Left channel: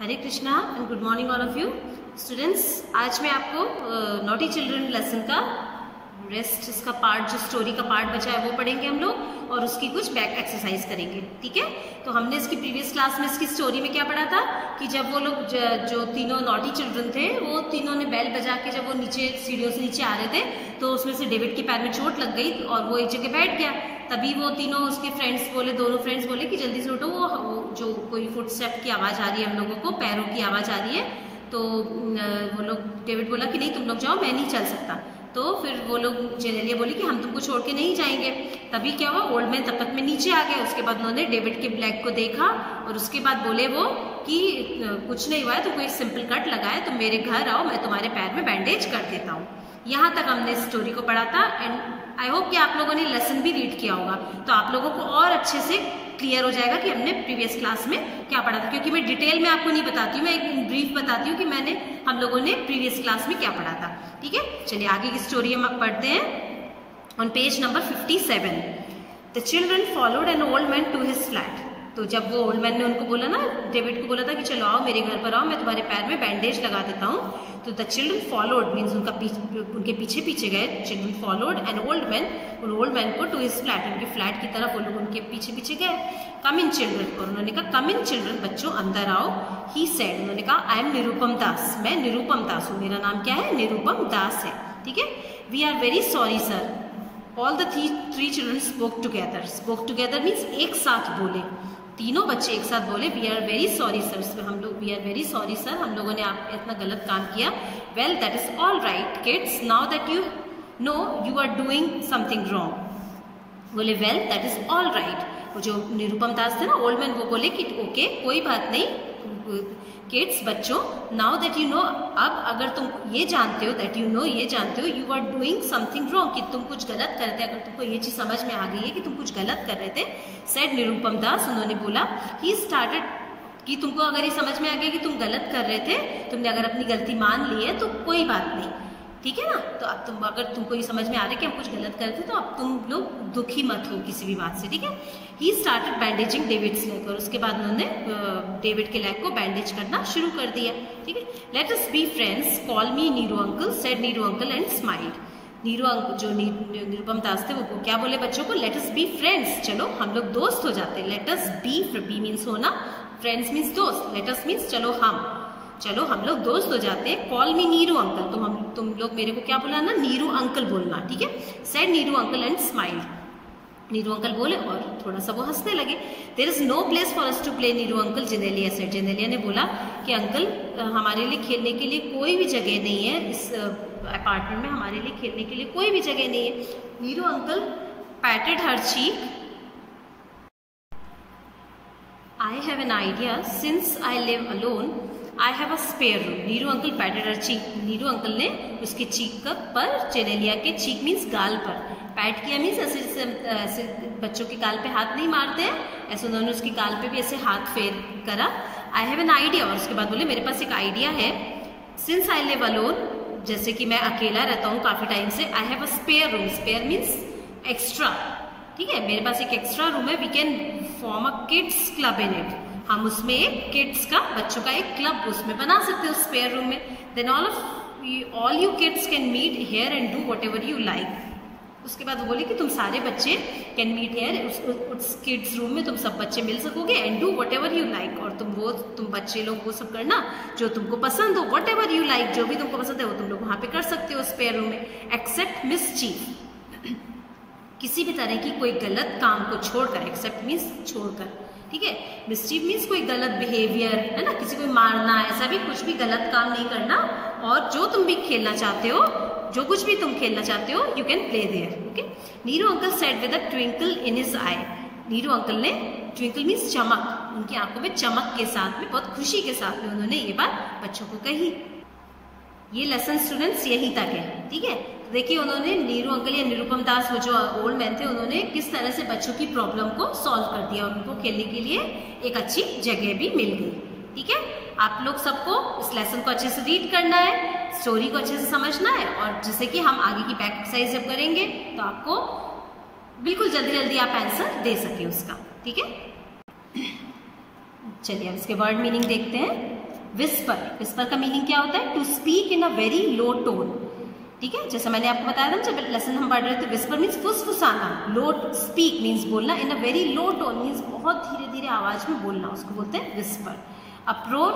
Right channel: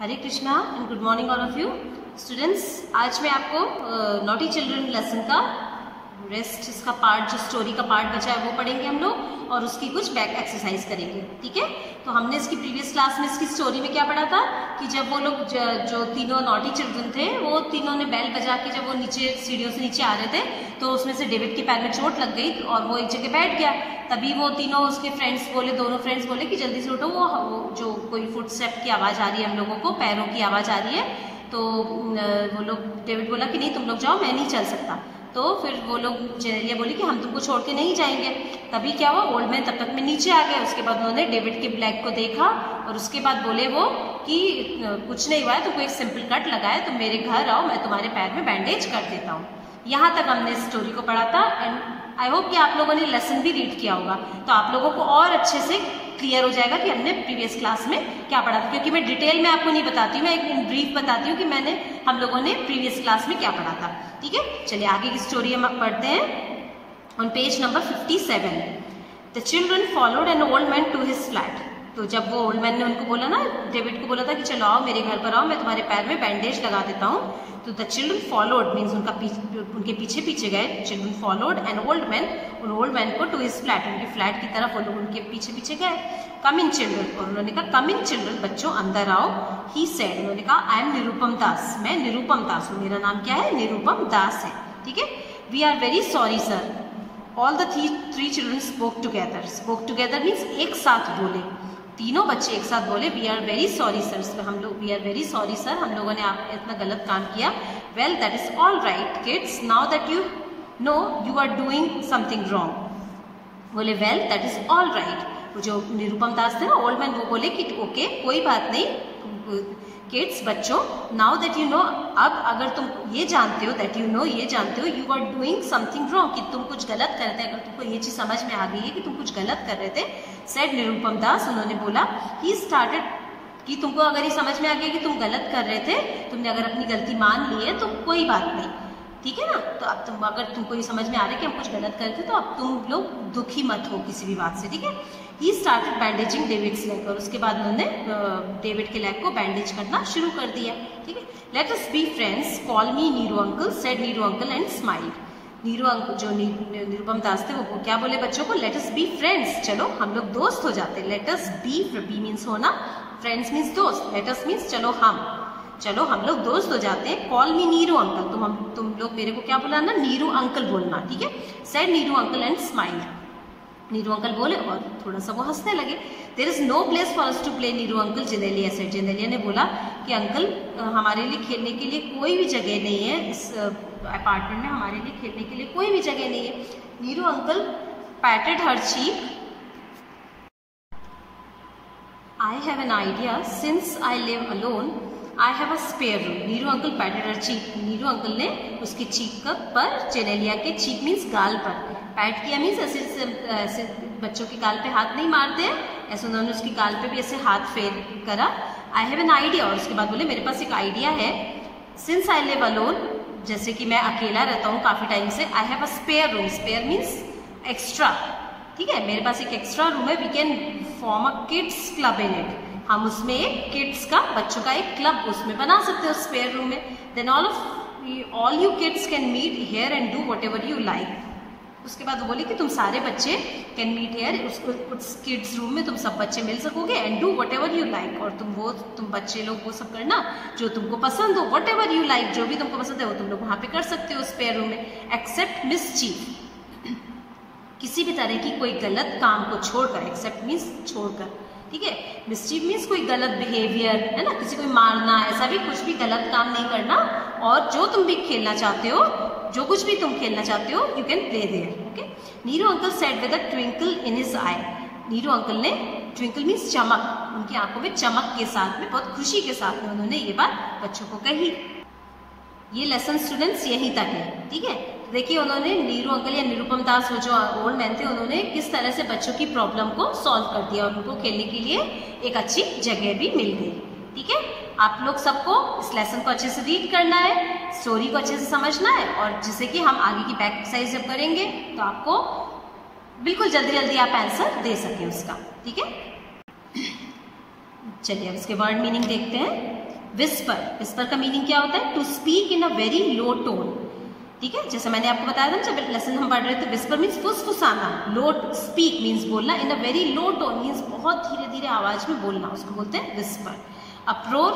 Hare Krishna and good morning all of you students. आज मैं आपको नॉटी चिल्ड्रन लेसन का रेस्ट, इसका पार्ट, जो स्टोरी का पार्ट बचा है वो पढ़ेंगे हम लोग और उसकी कुछ बैक एक्सरसाइज करेंगे। ठीक है, तो हमने इसकी प्रीवियस क्लास में इसकी स्टोरी में क्या पढ़ा था कि जब वो लोग जो तीनों नॉटी चिल्ड्रन थे वो तीनों ने बेल बजा के जब वो नीचे सीढ़ियों से नीचे आ रहे थे तो उसमें से डेविड के पैर में चोट लग गई और वो एक जगह बैठ गया। तभी वो तीनों उसके फ्रेंड्स बोले, दोनों फ्रेंड्स बोले कि जल्दी से उठो, वो जो कोई फुटस्टेप की आवाज़ आ रही है, हम लोगों को पैरों की आवाज़ आ रही है। तो वो लोग, डेविड बोला कि नहीं तुम लोग जाओ, मैं नहीं चल सकता। तो फिर वो लोग, जेनेलिया बोली कि हम तुमको छोड़ के नहीं जाएंगे। तभी क्या हुआ, ओल्ड मैन तब तक में नीचे आ गए। उसके बाद उन्होंने डेविड के ब्लैक को देखा और उसके बाद बोले वो कि कुछ नहीं हुआ है, तुमको एक सिंपल कट लगा है, तुम मेरे घर आओ, मैं तुम्हारे पैर में बैंडेज कर देता हूँ। यहाँ तक हमने इस स्टोरी को पढ़ा था एंड आई होप कि आप लोगों ने लेसन भी रीड किया होगा, तो आप लोगों को और अच्छे से क्लियर हो जाएगा कि हमने प्रीवियस क्लास में क्या पढ़ा था। क्योंकि मैं डिटेल में आपको नहीं बताती हूँ, मैं एक ब्रीफ बताती हूँ कि हम लोगों ने प्रीवियस क्लास में क्या पढ़ा था। ठीक है, चलिए आगे की स्टोरी हम पढ़ते हैं। On page number 57, the children followed an old man to his flat. तो जब वो ओल्ड मैन ने उनको बोला ना, डेविड को बोला था कि चलो आओ मेरे घर पर आओ, मैं तुम्हारे पैर में बैंडेज लगा देता हूँ। तो द चिल्ड्रन फॉलोड मीन्स उनके पीछे पीछे गए। Children followed an old man, और ओल्ड मैन को टू हिज फ्लैट, उनके फ्लैट की तरफ वो लोग उनके पीछे पीछे गए। कम इन चिल्ड्रन, और उन्होंने कहा कम इन चिल्ड्रन, बच्चों अंदर आओ। ही सेड, उन्होंने कहा आई एम निरुपम दास, मैं निरुपम दास हूँ, मेरा नाम क्या है, निरुपम दास है। ठीक है, we are very sorry sir. All the three children spoke together. Spoke together means एक साथ बोले, तीनों बच्चे एक साथ बोले we are very sorry sir. हम लोग we are very sorry sir, हम लोगों ने आप इतना गलत काम किया। Well that is all right kids, now that you know you are doing something wrong. बोले well that is all right. वो जो निरुपम दास थे ना, ओल्ड मैन, वो बोले कि ओके कोई बात नहीं किड्स, बच्चों, नाउ दैट यू नो, अब अगर तुम ये जानते हो, दैट यू नो, ये जानते हो, you are doing something wrong, कि तुम कुछ गलत कर रहे थे, अगर तुमको ये चीज समझ में आ गई है कि तुम कुछ गलत कर रहे थे। सेड निरुपम दास, उन्होंने बोला ही स्टार्टेड, कि तुमको अगर ये समझ में आ गया कि तुम गलत कर रहे थे, तुमने अगर अपनी गलती मान ली है तो कोई बात नहीं, ठीक है ना। तो अब अगर तुमको ये समझ में आ रहा है कि हम कुछ गलत करते तो अब तुम लोग दुखी मत हो किसी भी बात से। ठीक है, he started bandaging David's leg, और उसके बाद उन्होंने डेविड के लेग को बैंडेज करना शुरू कर दिया। ठीक है, let us be friends, call me Neeru uncle, said Neeru uncle and smiled. Neeru uncle, जो निरुपम दास थे, वो क्या बोले बच्चों को, लेट अस बी फ्रेंड्स, चलो हम लोग दोस्त हो जाते हैं। लेट अस बी मीन्स होना, फ्रेंड्स मीन्स दोस्त, लेट अस मीन्स चलो हम लोग दोस्त हो जाते हैं। कॉल मी नीरू अंकल, तुम लोग मेरे को क्या बुलाना, नीरू अंकल बोलना। ठीक है, said Neeru uncle and smiled. Neeru uncle बोले और थोड़ा सा वो हंसने लगे। There is no place for us to play Neeru uncle, Genelia said. Genelia ने बोला कि अंकल हमारे लिए खेलने के लिए कोई भी जगह नहीं है, इस अपार्टमेंट में हमारे लिए खेलने के लिए कोई भी जगह नहीं है। Neeru uncle patted her cheek, I have an idea, since I live alone I have a spare room. Neeru uncle patted her cheek, Neeru uncle ने उसके चीक पर, जेनेलिया के चीक मीन्स गाल पर, पैट किया मीन्स ऐसे बच्चों के गाल पे हाथ नहीं मारते हैं, ऐसे उन्होंने उसकी गाल पे भी ऐसे हाथ फेर करा। आई हैव एन आइडिया, और उसके बाद बोले मेरे पास एक आइडिया है। सिंस आई लिव अलोन, जैसे कि मैं अकेला रहता हूँ काफी टाइम से, I have a spare room, spare means extra. ठीक है, मेरे पास एक एक्स्ट्रा रूम है, we can form a kids club in it, हम उसमें एक किड्स का, बच्चों का एक क्लब उसमें बना सकते हो स्पेयर रूम में। Then all you kids can meet here and do whatever you like. उसके बाद वो बोली कि तुम सारे बच्चे कैन मीट हियर, उस किड्स रूम में तुम सब बच्चे मिल सकोगे, and do whatever you like, और तुम बच्चे लोग वो सब करना जो तुमको पसंद हो, वट एवर यू लाइक, जो भी तुमको पसंद है वो तुम लोग वहां पे कर सकते हो स्पेयर रूम में, एक्सेप्ट मिसचीफ, किसी भी तरह की कोई गलत काम को छोड़कर, एक्सेप्ट मीन्स छोड़कर। ठीक है, मिसचीफ मीन्स कोई गलत बिहेवियर, है ना, किसी को मारना, ऐसा भी कुछ भी गलत काम नहीं करना, और जो तुम भी खेलना चाहते हो, जो कुछ भी तुम खेलना चाहते हो, you can play there. Okay, Neeru uncle said with a twinkle in his eye. Neeru uncle ने, ट्विंकल मीन्स चमक, उनकी आंखों में चमक के साथ में, बहुत खुशी के साथ में उन्होंने ये बात बच्चों को कही। ये लेसन स्टूडेंट्स यहीं तक है। ठीक है, देखिए उन्होंने, नीरू अंकल या निरुपम दास, वो जो ओल्ड मैन थे, उन्होंने किस तरह से बच्चों की प्रॉब्लम को सॉल्व कर दिया और उनको खेलने के लिए एक अच्छी जगह भी मिल गई। ठीक है, आप लोग सबको इस लेसन को अच्छे से रीड करना है, स्टोरी को अच्छे से समझना है, और जिससे कि हम आगे की बैक एक्सरसाइज जब करेंगे तो आपको बिल्कुल जल्दी जल्दी आप आंसर दे सकें उसका। ठीक है, चलिए अब इसके वर्ड मीनिंग देखते हैं। विस्पर, विस्पर का मीनिंग क्या होता है? To speak in a very low tone, ठीक है। जैसे मैंने आपको बताया था जब लेसन हम पढ़ रहे थे, विस्पर मीन्स फुसफुसाना, लो स्पीक मीन्स बोलना, in a very low tone means बहुत धीरे धीरे आवाज में बोलना, उसको बोलते हैं whisper. Uproar,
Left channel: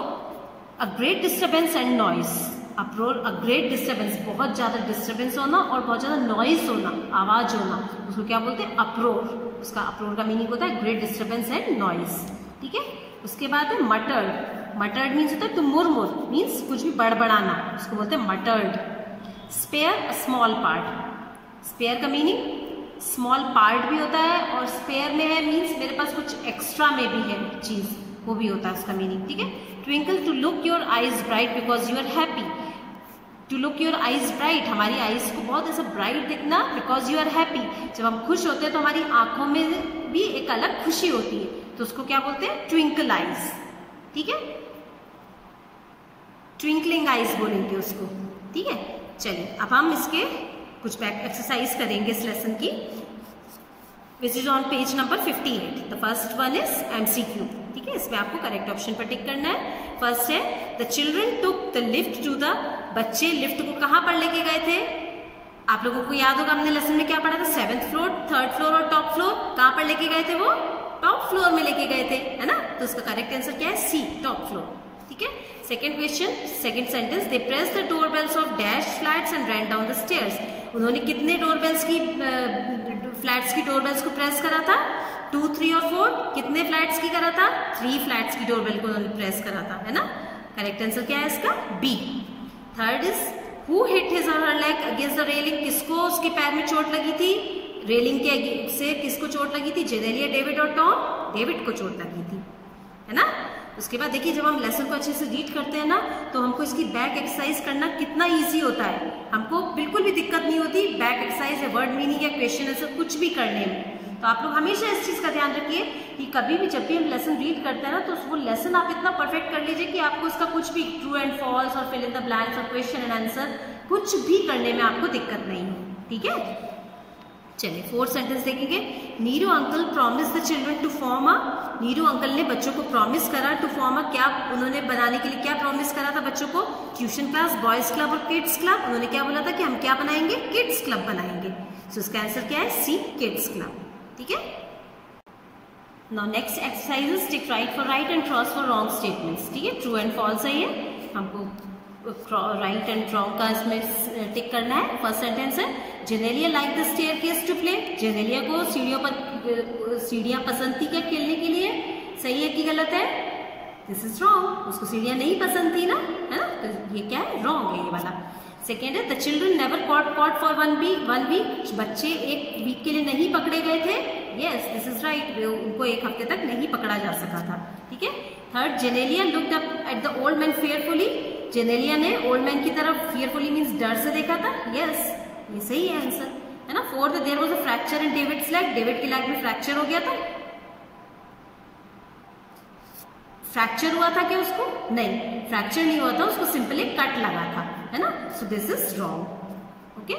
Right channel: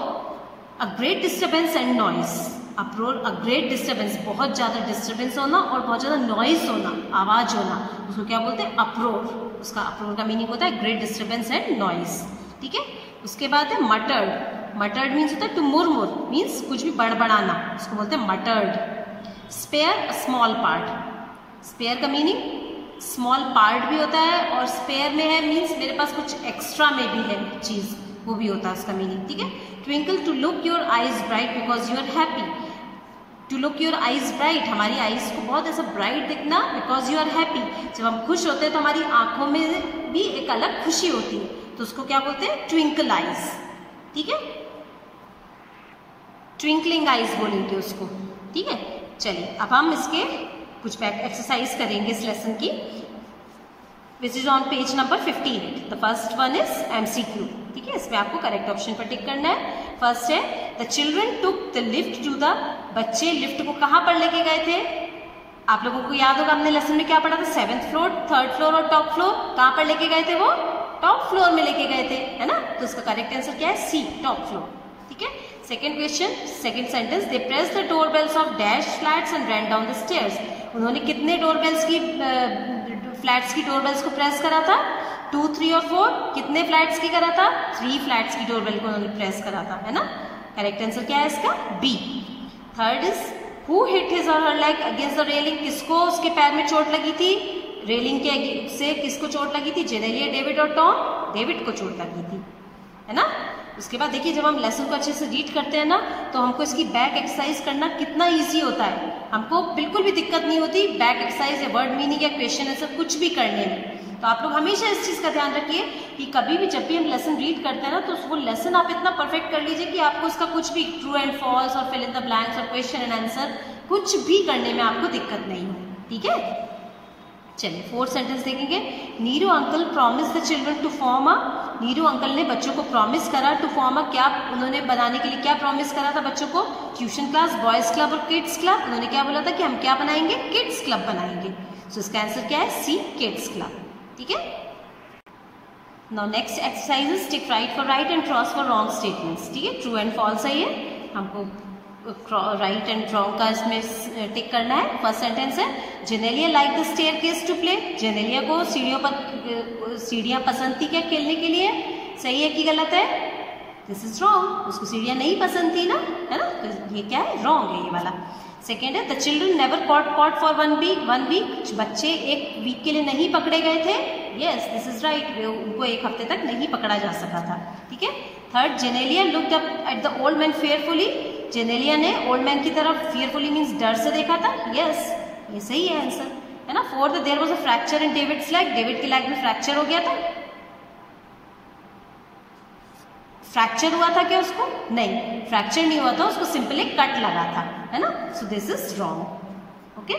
a great disturbance and noise, uproar a great disturbance, बहुत ज्यादा डिस्टर्बेंस होना और बहुत ज्यादा नॉइस होना, आवाज होना, उसको क्या बोलते हैं? अप्रोर। उसका अप्रोर का मीनिंग होता है ग्रेट डिस्टर्बेंस एंड नॉइस, ठीक है। उसके बाद है मटर्ड, मटर्ड मीन्स होता है टू मुरमुर, मीन्स कुछ भी बड़बड़ाना, उसको बोलते हैं muttered. Spare a small part, spare का मीनिंग स्मॉल पार्ट भी होता है और स्पेयर में है मीन्स मेरे पास कुछ एक्स्ट्रा में भी है चीज, वो भी होता है उसका मीनिंग, ठीक है। Twinkle, to look your eyes bright because you are happy, to look your eyes bright, हमारी आईज को बहुत ऐसा ब्राइट दिखना, बिकॉज यू आर हैप्पी, जब हम खुश होते हैं तो हमारी आंखों में भी एक अलग खुशी होती है, तो उसको क्या बोलते हैं? ट्विंकल आईज, ठीक है, ट्विंकलिंग आईज बोलेंगे उसको, ठीक है। चलिए अब हम इसके कुछ बैक एक्सरसाइज करेंगे इस लेसन की, which is on page number 58। The first one is MCQ, ठीक है। इसमें आपको करेक्ट ऑप्शन पर टिक करना है। फर्स्ट है the children took the lift to the, बच्चे लिफ्ट को कहां पर लेके गए थे? आप लोगों को याद होगा हमने लेसन में क्या पढ़ा था? 7th फ्लोर, 3rd फ्लोर और टॉप फ्लोर। कहां पर लेके गए थे? वो टॉप फ्लोर में लेके गए थे, है ना। तो उसका करेक्ट आंसर क्या है? सी, टॉप फ्लोर, ठीक है। Second question, second sentence, they press the door bells of dash flats and ran down the stairs. उन्होंने कितने डोर बेल्स की, फ्लैट्स की डोर बेल्स को प्रेस करा था? 2, 3 और 4। कितने फ्लैट्स की करा था? 3 फ्लैट्स की डोर बेल को उन्होंने प्रेस करा था, है ना। करेक्ट आंसर क्या है इसका? B. Third is who hit his और her leg against the railing, किसको उसके पैर में चोट लगी थी? रेलिंग के से किसको चोट लगी थी? जेनेलिया, डेविड और टॉम? डेविड को चोट लगी थी, है ना। उसके बाद देखिए जब हम लेसन को अच्छे से रीड करते हैं ना तो हमको इसकी बैक एक्सरसाइज करना कितना इजी होता है, हमको बिल्कुल भी दिक्कत नहीं होती बैक एक्सरसाइज या वर्ड मीनिंग या क्वेश्चन आंसर कुछ भी करने में। तो आप लोग हमेशा इस चीज का ध्यान रखिए कि कभी भी जब भी हम लेसन रीड करते हैं ना तो वो लेसन आप इतना परफेक्ट कर लीजिए कि आपको उसका कुछ भी ट्रू एंड फॉल्स और फिल इन द ब्लैंक्स और क्वेश्चन एंड आंसर कुछ भी करने में आपको दिक्कत नहीं हो, ठीक है। चलिए फोर्थ सेंटेंस देखेंगे। Neeru uncle promise the children to form a, Neeru uncle ने बच्चों को प्रॉमिस करा टू फॉर्म अ, क्या उन्होंने बनाने के लिए क्या प्रॉमिस करा था बच्चों को? ट्यूशन क्लास, बॉयज क्लब और किड्स क्लब। उन्होंने क्या बोला था कि हम क्या बनाएंगे? किड्स क्लब बनाएंगे। सो इसका आंसर क्या है? सी, किड्स क्लब, ठीक है। Now next exercise is tick right for right and cross for wrong statements, ठीक है। ट्रू एंड फॉल्स है ये, हमको राइट एंड रॉन्ग का इसमें टिक करना है। फर्स्ट सेंटेंस है Genelia like the staircase to play, Genelia को सीढ़ियों पर सीढ़ियां पसंद थी क्या खेलने के लिए? सही है कि गलत है? दिस इज रॉन्ग, उसको सीढ़ियां नहीं पसंद थी ना, है ना, तो ये क्या है? रॉन्ग है ये वाला। सेकेंड है the children never caught for one week, बच्चे एक वीक के लिए नहीं पकड़े गए थे। यस, दिस इज राइट, उनको एक हफ्ते तक नहीं पकड़ा जा सका था, ठीक है। Third, Genelia looked up at the old man fearfully, Genelia ने ओल्ड मैन की तरफ फेयरफुली मीन्स डर से देखा था। यस, ये सही है आंसर, है ना। Fourth, there was a fracture in David's leg, David के लेग में फ्रैक्चर हो गया था। फ्रैक्चर हुआ था क्या उसको? नहीं, फ्रैक्चर नहीं हुआ था, उसको सिंपल एक कट लगा था, है ना। So this is wrong, okay.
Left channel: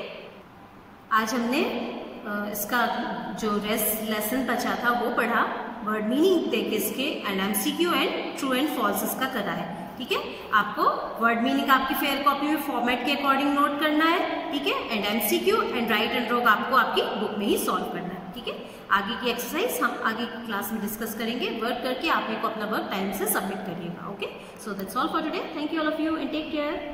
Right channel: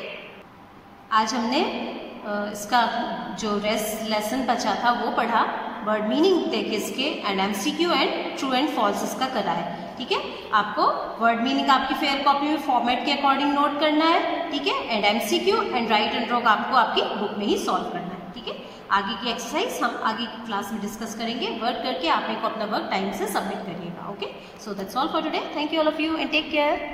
आज हमने इसका जो लेसन बचा था वो पढ़ा, वर्ड मीनिंग थे किसके and MCQ and true and false इसका करा है, ठीक है। आपको वर्ड मीनिंग आपकी फेयर कॉपी में फॉर्मेट के अकॉर्डिंग नोट करना है, ठीक है, and MCQ and right and wrong आपको आपकी बुक में ही सॉल्व करना है, ठीक है। आगे की एक्सरसाइज हम आगे की क्लास में डिस्कस करेंगे। वर्क करके आप मेरे को अपना वर्क टाइम से सबमिट करिएगा, okay. So that's all for today, thank you all of you and take care.